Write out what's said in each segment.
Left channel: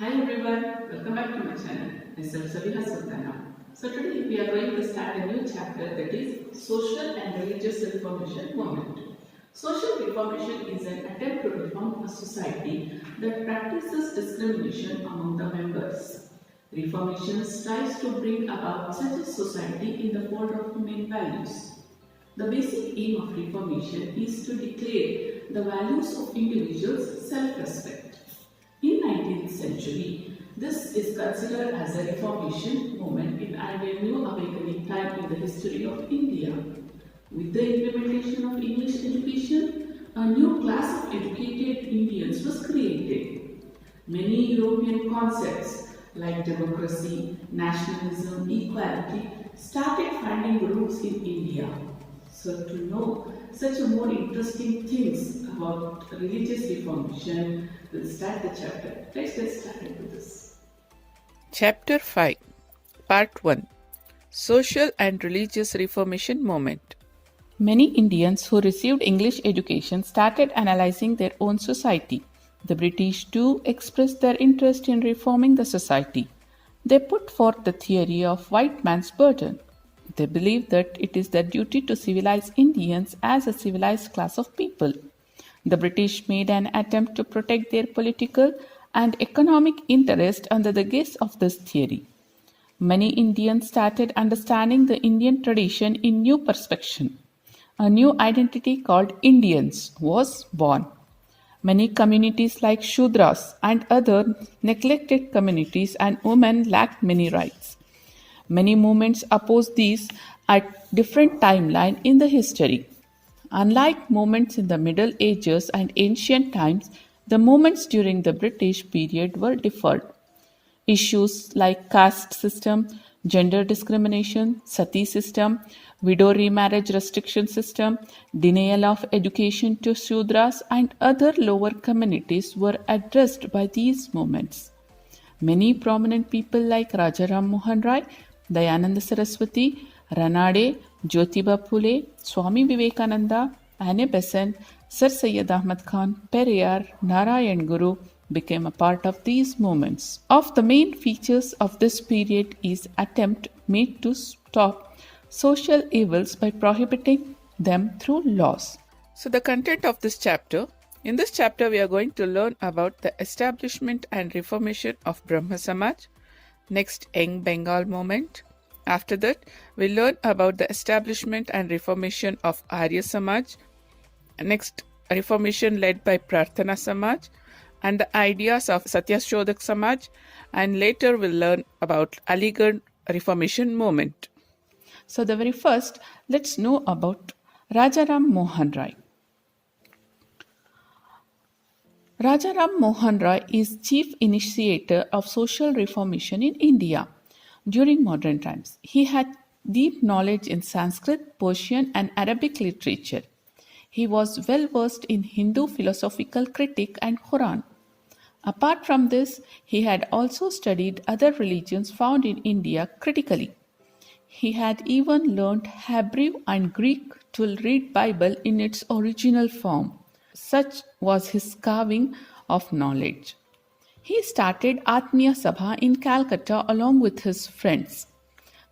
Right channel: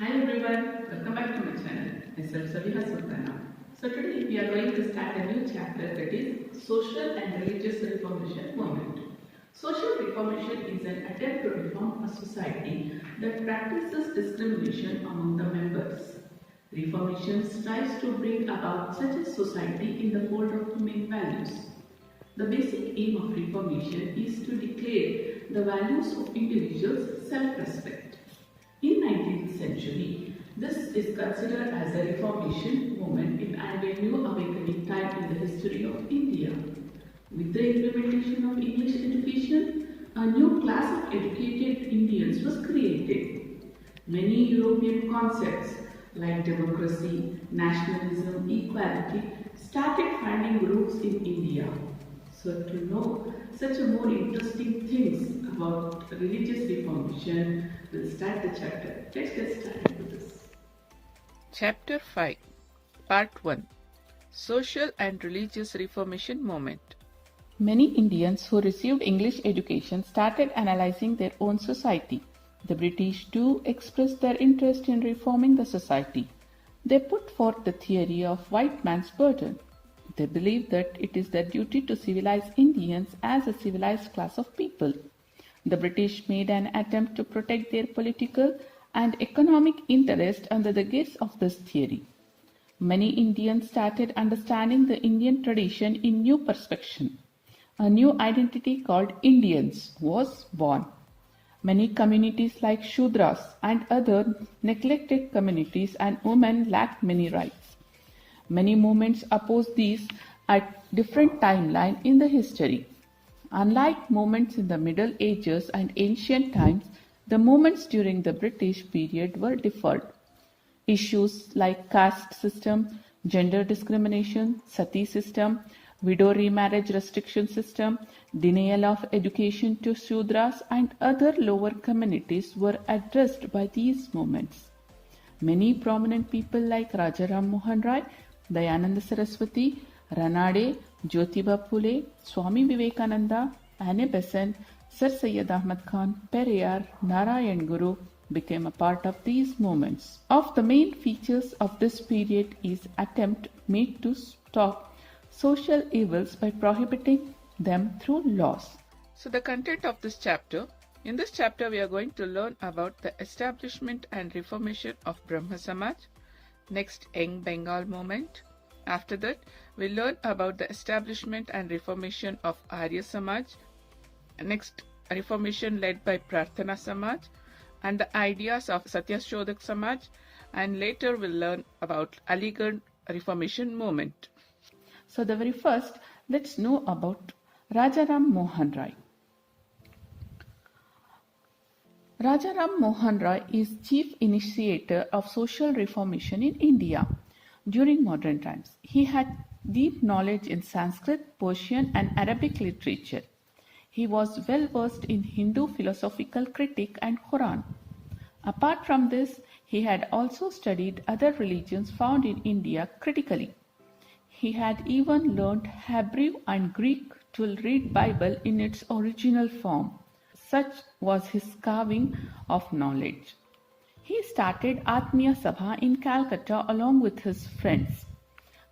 Hi everyone, welcome back to my channel. Myself Sabiha Sultana. So today we are going to start a new chapter that is Social and Religious Reformation Movement. Social reformation is an attempt to reform a society that practices discrimination among the members. Reformation strives to bring about such a society in the fold of human values. The basic aim of Reformation is to declare the values of individuals' self-respect. In 19th century, this is considered as a Reformation movement and a new awakening time in the history of India. With the implementation of English education, a new class of educated Indians was created. Many European concepts like democracy, nationalism, equality started finding roots in India. So to know such a more interesting things about religious reformation, we'll start the chapter. Let's get started with this. Chapter 5 Part 1 Social and Religious Reformation Movement. Many Indians who received English education started analyzing their own society. The British too expressed their interest in reforming the society. They put forth the theory of white man's burden. They believed that it is their duty to civilize Indians as a civilized class of people. The British made an attempt to protect their political and economic interest under the guise of this theory. Many Indians started understanding the Indian tradition in new perspective. A new identity called Indians was born. Many communities like Shudras and other neglected communities and women lacked many rights. Many movements opposed these at different timeline in the history. Unlike movements in the Middle Ages and ancient times, the movements during the British period were different. Issues like caste system, gender discrimination, sati system, widow remarriage restriction system, denial of education to Shudras and other lower communities were addressed by these movements. Many prominent people like Rajaram Mohan Rai, Dayananda Saraswati, Ranade, Jyotiba Phule, Swami Vivekananda, Anne Besant, Sir Syed Ahmad Khan, Periyar, Narayan Guru became a part of these movements. Of the main features of this period is attempt made to stop social evils by prohibiting them through laws. So the content of this chapter. In this chapter we are going to learn about the establishment and reformation of Brahma Samaj, next Young Bengal movement. After that we'll learn about the establishment and reformation of Arya Samaj, next reformation led by Prarthana Samaj and the ideas of Satyashodak Samaj, and later we'll learn about Aligarh Reformation movement. So the very first, let's know about Rajaram Mohan Rai. Rajaram Mohan Rai is chief initiator of social reformation in India during modern times. He had deep knowledge in Sanskrit, Persian and Arabic literature. He was well versed in Hindu philosophical critique and Quran. Apart from this, he had also studied other religions found in India critically. He had even learned Hebrew and Greek to read Bible in its original form. Such was his carving of knowledge. He started Atmiya Sabha in Calcutta along with his friends.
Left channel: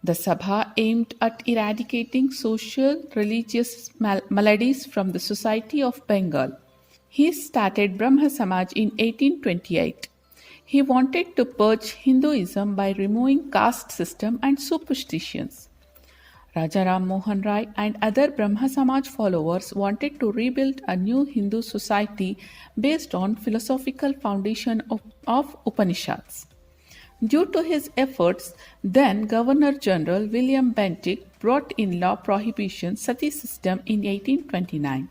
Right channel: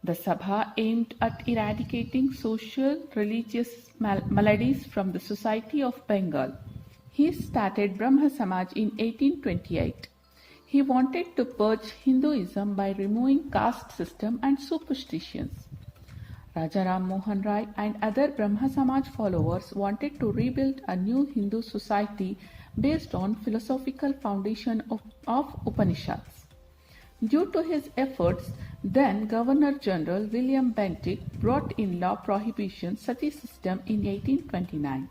The Sabha aimed at eradicating social religious maladies from the society of Bengal. He started Brahma Samaj in 1828. He wanted to purge Hinduism by removing caste system and superstitions. Rajaram Mohan Rai and other Brahma Samaj followers wanted to rebuild a new Hindu society based on philosophical foundation of Upanishads. Due to his efforts, then Governor General William Bentinck brought in law prohibition sati system in 1829.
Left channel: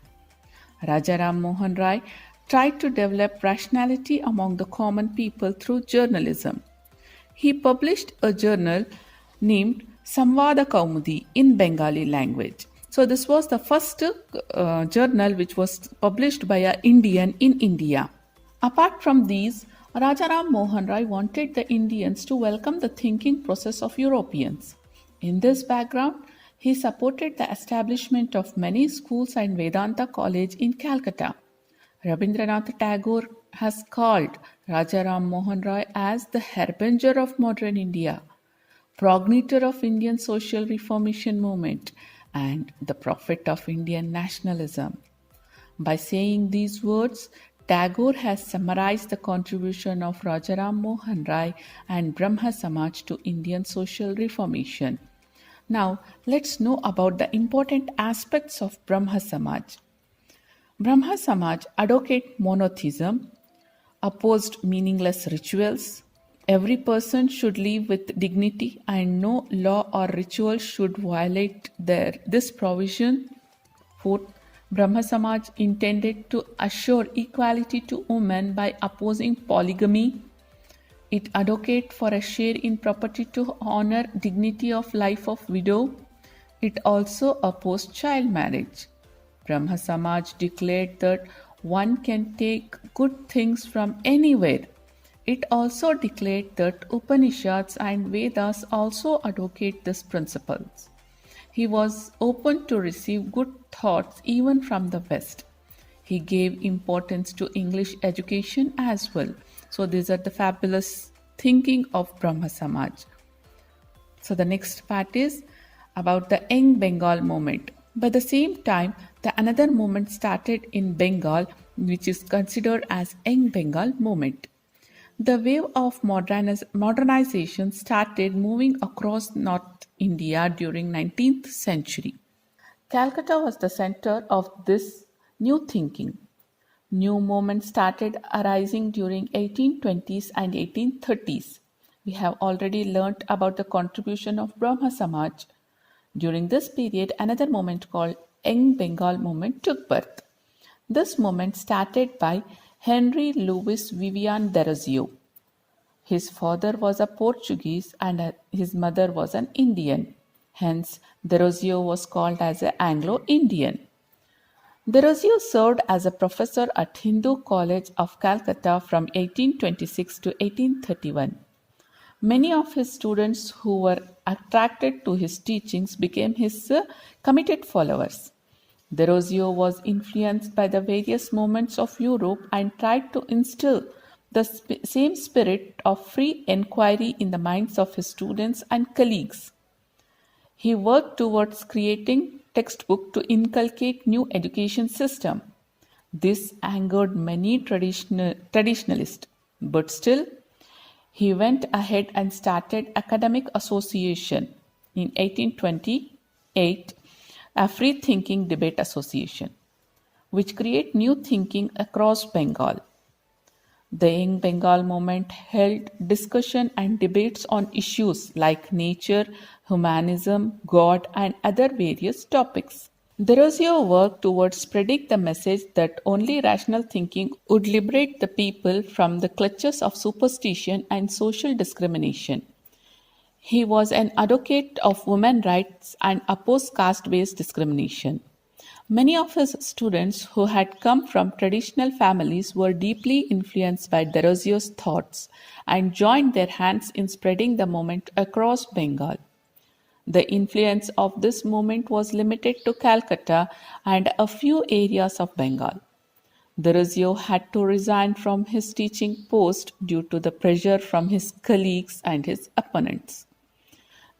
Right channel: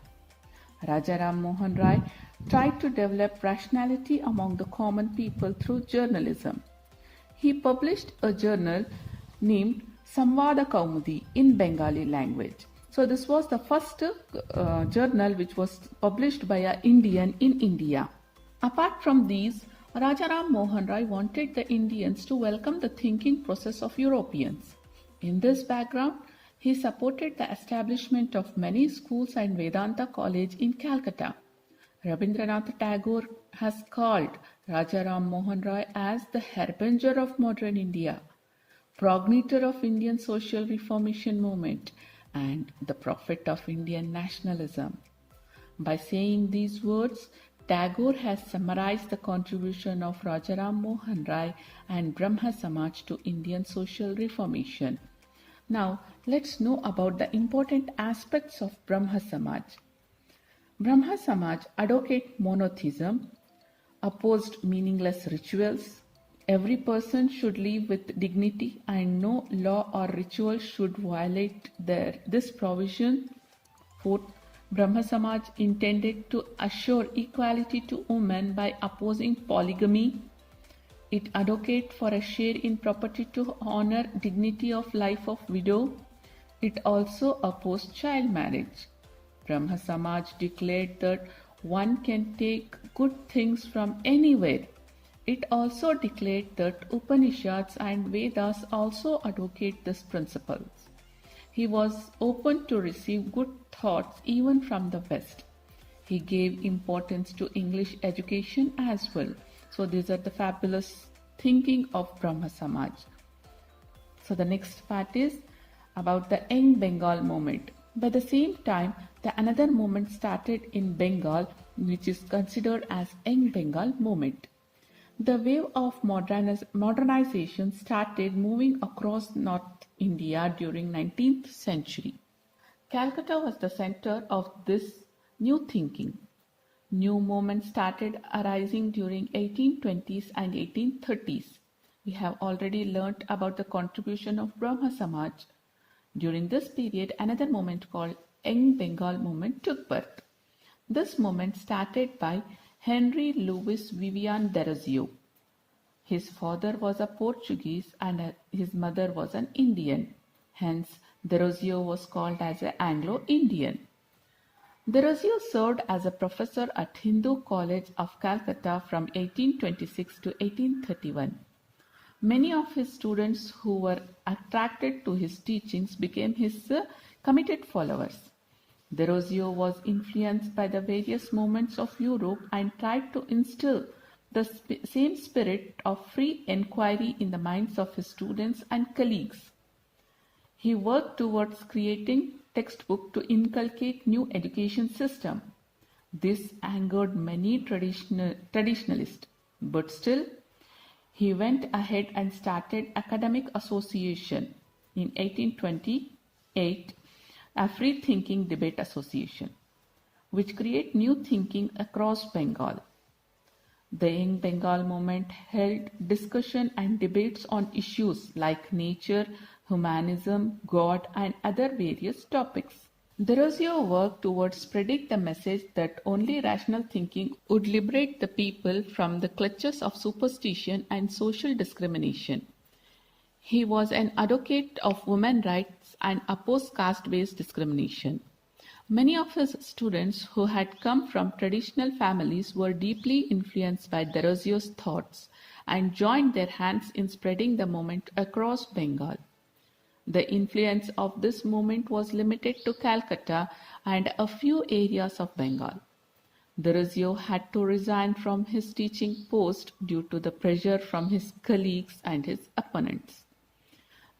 Rajaram Mohan Rai tried to develop rationality among the common people through journalism. He published a journal named Samvada Kaumudi in Bengali language. So this was the first journal which was published by an Indian in India. Apart from these, Rajaram Mohan Rai wanted the Indians to welcome the thinking process of Europeans. In this background, he supported the establishment of many schools and Vedanta College in Calcutta. Rabindranath Tagore has called Raja Ram Mohan Roy as the harbinger of modern India, progenitor of Indian social reformation movement, and the prophet of Indian nationalism. By saying these words, Tagore has summarized the contribution of Rajaram Mohan Rai and Brahma Samaj to Indian social reformation. Now, let's know about the important aspects of Brahma Samaj. Brahma Samaj advocate monotheism, opposed meaningless rituals. Every person should live with dignity and no law or ritual should violate this provision. Fourth, Brahma Samaj intended to assure equality to women by opposing polygamy. It advocated for a share in property to honor dignity of life of widow. It also opposed child marriage. Brahma Samaj declared that one can take good things from anywhere. It also declared that Upanishads and Vedas also advocate these principles. He was open to receive good thoughts even from the West. He gave importance to English education as well. So these are the fabulous thinking of Brahma Samaj. So the next part is about the Young Bengal movement. By the same time, another movement started in Bengal, which is considered as Young Bengal movement. The wave of modernization started moving across North India during 19th century. Calcutta was the center of this new thinking. New movements started arising during 1820s and 1830s. We have already learnt about the contribution of Brahma Samaj. During this period, another movement called Young Bengal movement took birth. This movement started by Henry Louis Vivian Derozio. His father was a Portuguese and his mother was an Indian. Hence, Derozio was called as an Anglo-Indian. Derozio served as a professor at Hindu College of Calcutta from 1826 to 1831. Many of his students who were attracted to his teachings became his committed followers. Derozio was influenced by the various movements of Europe and tried to instill the same spirit of free enquiry in the minds of his students and colleagues. He worked towards creating textbook to inculcate new education system. This angered many traditionalists, but still he went ahead and started Academic Association in 1828, a free thinking debate association, which created new thinking across Bengal. The Young Bengal movement held discussion and debates on issues like nature, humanism, God, and other various topics. Derozio worked towards spreading the message that only rational thinking would liberate the people from the clutches of superstition and social discrimination. He was an advocate of women's rights and opposed caste-based discrimination. Many of his students who had come from traditional families were deeply influenced by Derozio's thoughts and joined their hands in spreading the movement across Bengal. The influence of this movement was limited to Calcutta and a few areas of Bengal. Derozio had to resign from his teaching post due to the pressure from his colleagues and his opponents.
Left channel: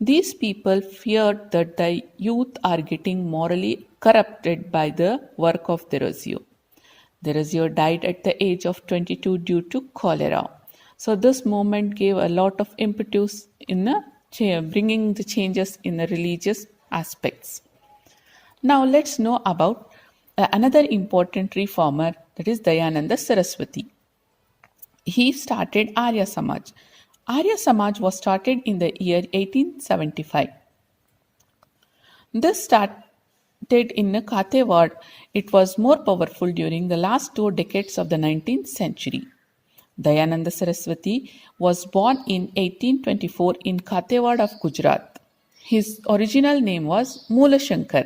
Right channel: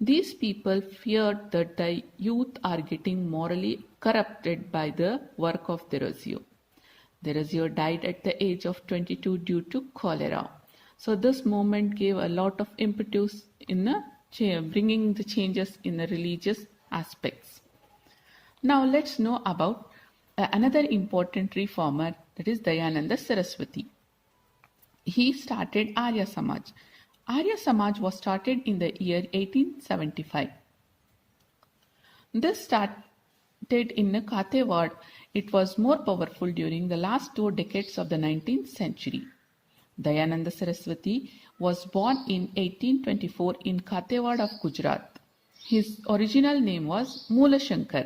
These people feared that the youth are getting morally corrupted by the work of Derozio. Derozio died at the age of 22 due to cholera. So this movement gave a lot of impetus in bringing the changes in the religious aspects. Now let's know about another important reformer, that is Dayananda Saraswati. He started Arya Samaj. Arya Samaj was started in the year 1875. This started in Kathiawar. It was more powerful during the last 2 decades of the 19th century. Dayananda Saraswati was born in 1824 in Kathiawar of Gujarat. His original name was Moola Shankar.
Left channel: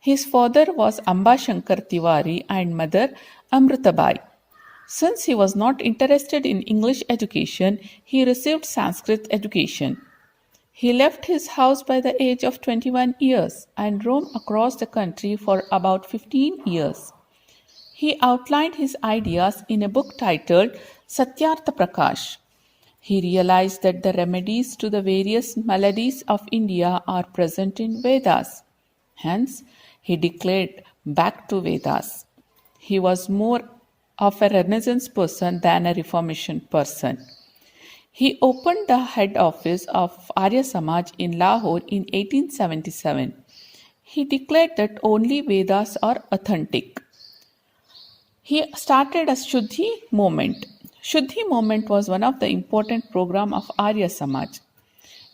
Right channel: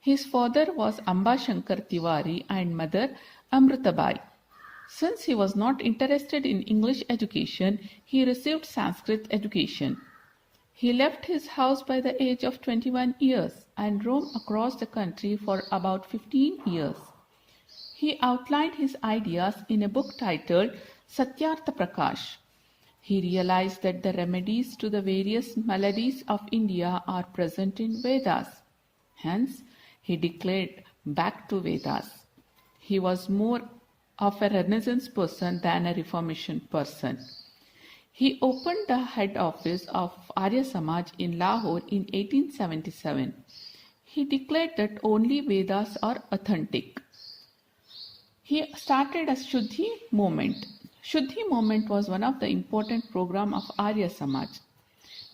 His father was Amba Shankar Tiwari and mother Amritabai. Since he was not interested in English education, he received Sanskrit education. He left his house by the age of 21 years and roamed across the country for about 15 years. He outlined his ideas in a book titled Satyartha Prakash. He realized that the remedies to the various maladies of India are present in Vedas. Hence, he declared back to Vedas. He was more of a Renaissance person than a Reformation person. He opened the head office of Arya Samaj in Lahore in 1877. He declared that only Vedas are authentic. He started a Shuddhi movement. Shuddhi movement was one of the important program of Arya Samaj.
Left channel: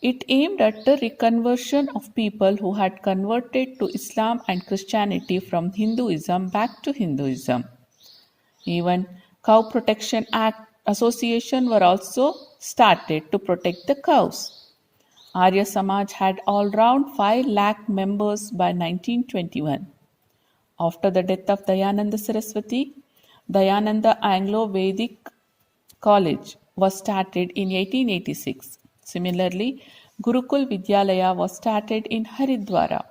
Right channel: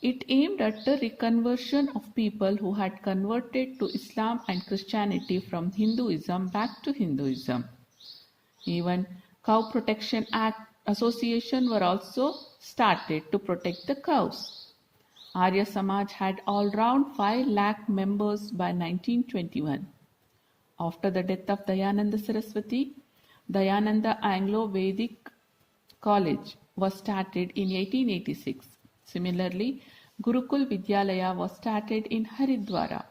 It aimed at the reconversion of people who had converted to Islam and Christianity from Hinduism back to Hinduism. Even Cow Protection Act Association were also started to protect the cows. Arya Samaj had all round 5 lakh members by 1921. After the death of Dayananda Saraswati, Dayananda Anglo-Vedic College was started in 1886. Similarly, Gurukul Vidyalaya was started in Haridwara.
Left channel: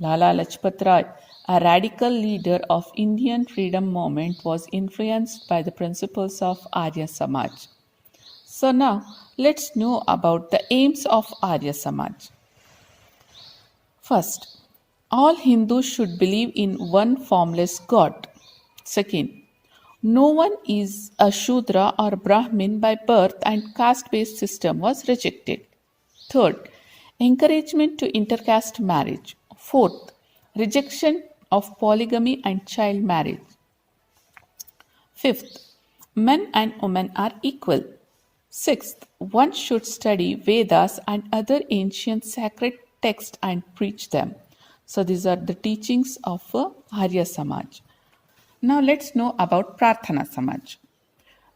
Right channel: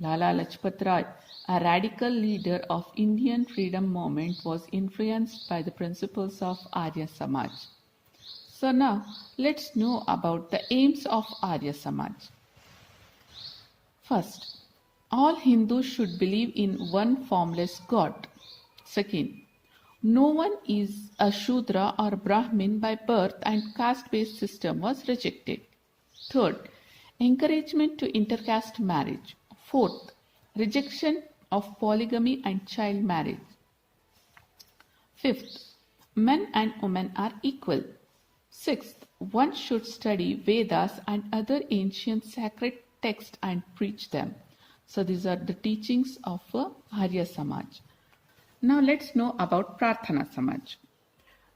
Lala Lajpat Rai, a radical leader of Indian freedom movement, was influenced by the principles of Arya Samaj. So now let's know about the aims of Arya Samaj. First, all Hindus should believe in one formless God. Second, no one is a Shudra or Brahmin by birth and caste-based system was rejected. Third, encouragement to intercaste marriage. Fourth, rejection of polygamy and child marriage. Fifth, men and women are equal. Sixth, one should study Vedas and other ancient sacred texts and preach them. So these are the teachings of Arya Samaj. Now let's know about Prarthana Samaj.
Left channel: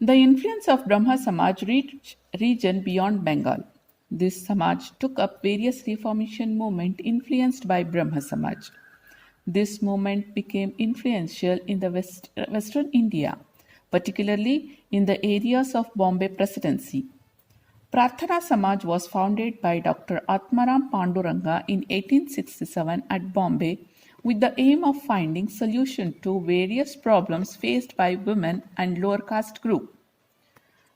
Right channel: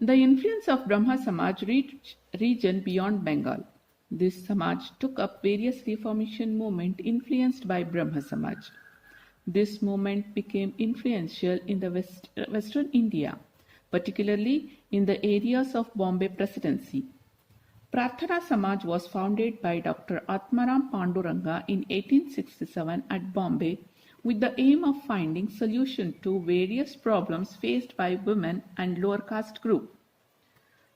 The influence of Brahma Samaj reached region beyond Bengal. This Samaj took up various reformation movements influenced by Brahma Samaj. This movement became influential in the Western India, particularly in the areas of Bombay Presidency. Prarthana Samaj was founded by Dr. Atmaram Panduranga in 1867 at Bombay with the aim of finding solution to various problems faced by women and lower caste group.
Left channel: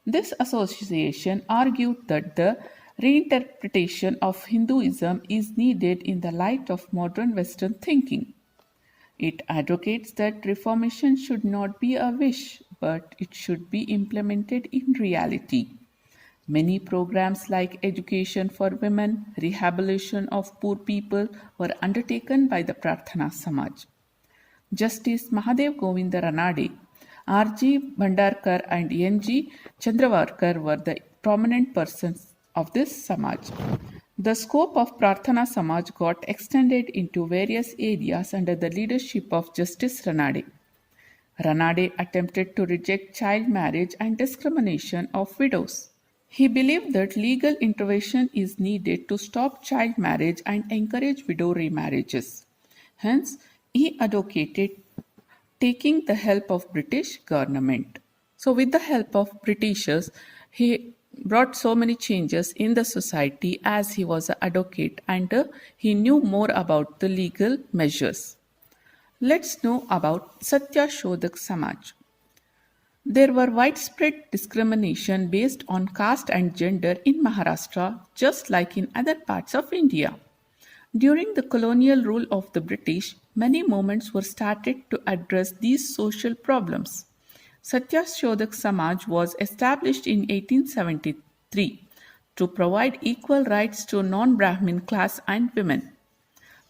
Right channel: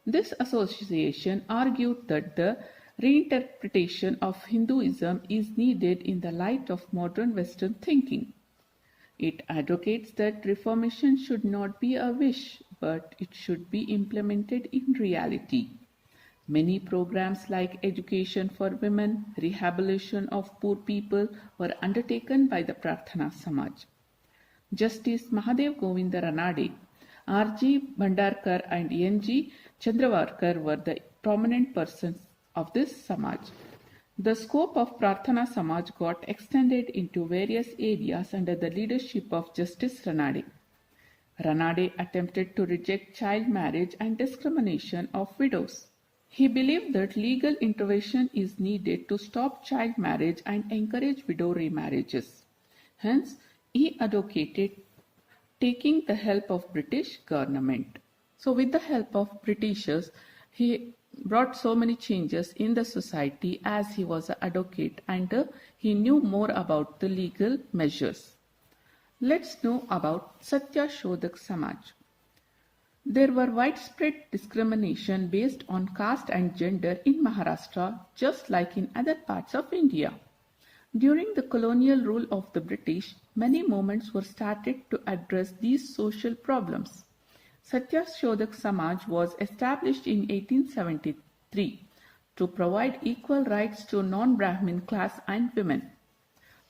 This association argued that the reinterpretation of Hinduism is needed in the light of modern Western thinking. It advocates that reformation should not be a wish, but it should be implemented in reality. Many programs like education for women, rehabilitation of poor people were undertaken by the Prarthana Samaj. Justice Mahadev Govinda Ranade, R.G. Bhandarkar and N.G. Chandravarkar were the prominent persons of this Samaj. The scope of Prarthana Samaj got extended into various areas under the leadership of Justice Ranade. Ranade attempted to reject child marriage and discrimination of widows. He believed that legal intervention is needed to stop child marriage and encourage widow remarriages. Hence, he advocated taking the help of British government. So with the help of Britishers, he brought so many changes in the society as he was an advocate and he knew more about the legal measures. Let's know about Satya Shodhak Samaj. There were widespread discrimination based on caste and gender in Maharashtra, just like in other parts of India. During the colonial rule of the British, many movements were started to address these social problems. Satya Shodhak Samaj was established in 1873 to provide equal rights to non-Brahmin class and women.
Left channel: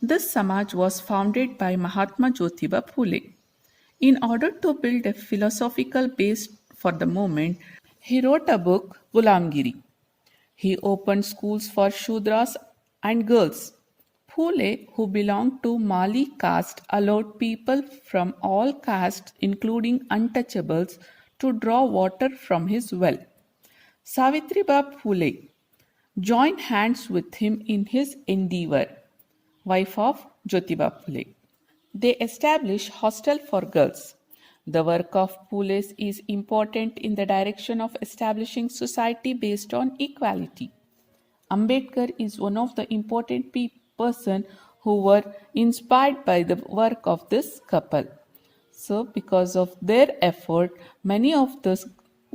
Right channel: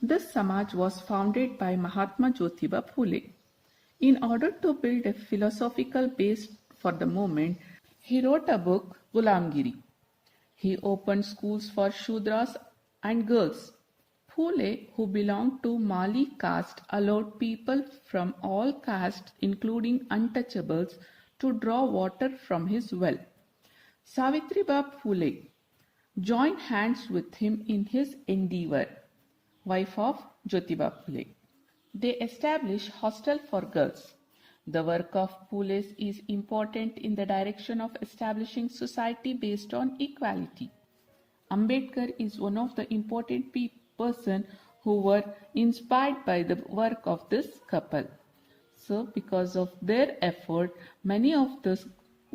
This Samaj was founded by Mahatma Jyotiba Phule. In order to build a philosophical base for the movement, he wrote a book, Gulamgiri. He opened schools for Shudras and girls. Phule, who belonged to Mali caste, allowed people from all castes, including untouchables, to draw water from his well. Savitribai Phule joined hands with him in his endeavor, wife of Jyotiba Phule. They established hostel for girls. The work of Phule is important in the direction of establishing society based on equality. Ambedkar is one of the important person who were inspired by the work of this couple. So because of their effort, many of the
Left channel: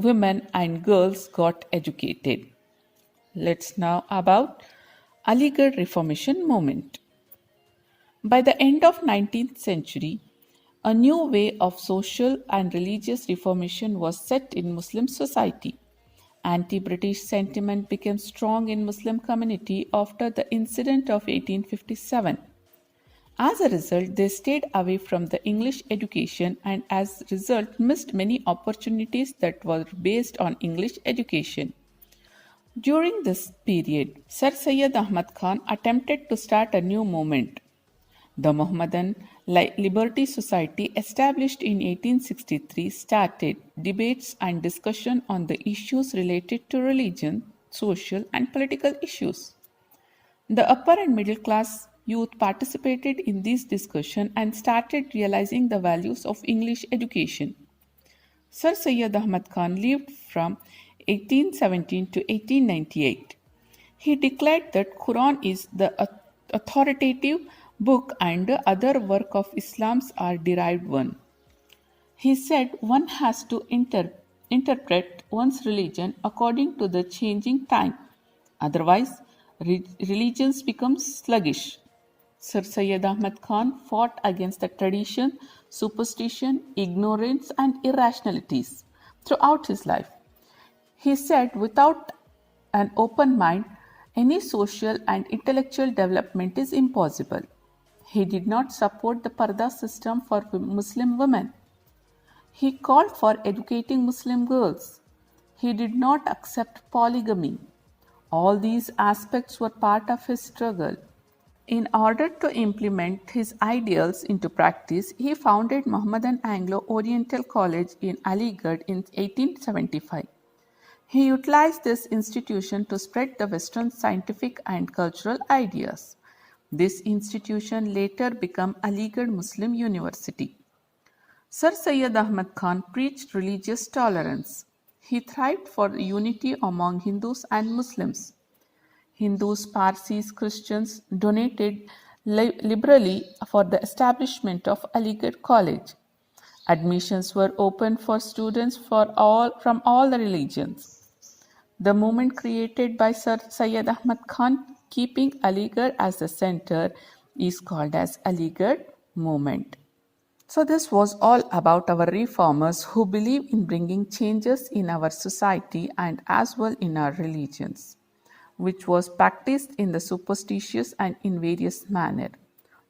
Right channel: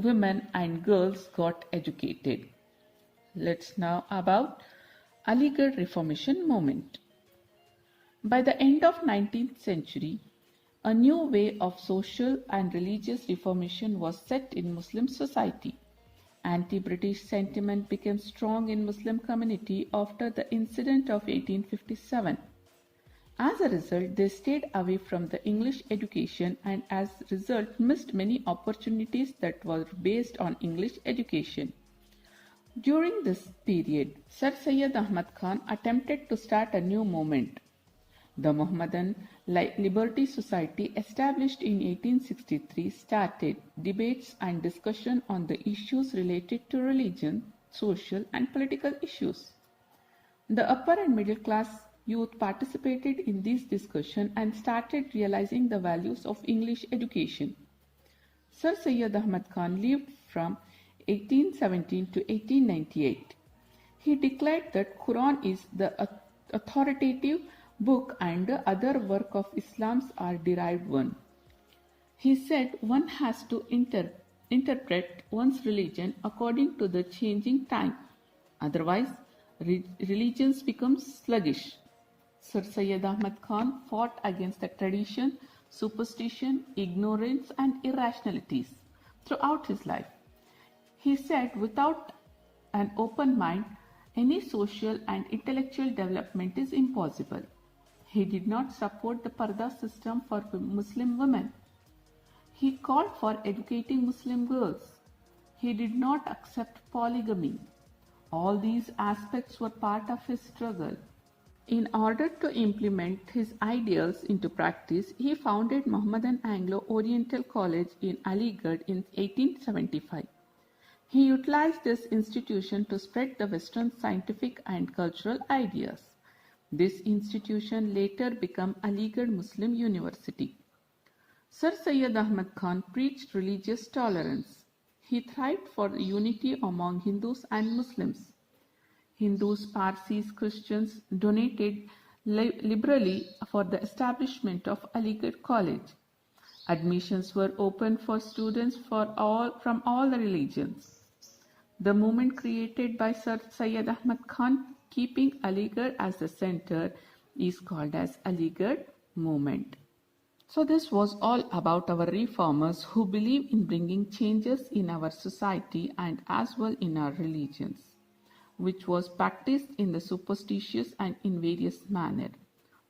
women and girls got educated. Let's now about Aligarh Reformation movement. By the end of 19th century, a new way of social and religious reformation was set in Muslim society. Anti-British sentiment became strong in Muslim community after the incident of 1857. As a result, they stayed away from the English education and as a result missed many opportunities that were based on English education. During this period, Sir Syed Ahmad Khan attempted to start a new movement. The Mohammedan Liberty Society, established in 1863, started debates and discussion on the issues related to religion, social, and political issues. The upper and middle class youth participated in this discussion and started realizing the values of English education. Sir Syed Ahmad Khan lived from 1817 to 1898. He declared that Quran is the authoritative book and the other work of Islam's are derived one. He said one has to interpret one's religion according to the changing time. Otherwise, religions become sluggish. Sir Syed Ahmad Khan fought against the tradition, superstition, ignorance, and irrationalities throughout his life. He said without an open mind, any social and intellectual development is impossible. He did not support the Parda system for Muslim women. He called for educating Muslim girls. He did not accept polygamy. All these aspects were part of his struggle. In order to implement his ideals into practice, he founded Mohammedan Anglo-Oriental College in Aligarh in 1875. He utilized this institution to spread the Western scientific and cultural ideas. This institution later became Aligarh Muslim University. Sir Syed Ahmad Khan preached religious tolerance. He thrived for unity among Hindus and Muslims. Hindus, Parsis, Christians donated liberally for the establishment of Aligarh College. Admissions were open for students from all the religions. The movement created by Sir Syed Ahmad Khan, keeping Aligarh as the center, is called as Aligarh movement. So this was all about our reformers who believe in bringing changes in our society and as well in our religions, which was practiced in the superstitious and in various manner.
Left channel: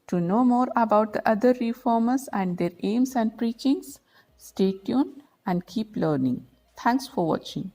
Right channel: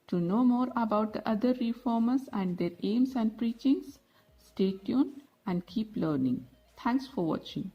To know more about the other reformers and their aims and preachings, stay tuned and keep learning. Thanks for watching.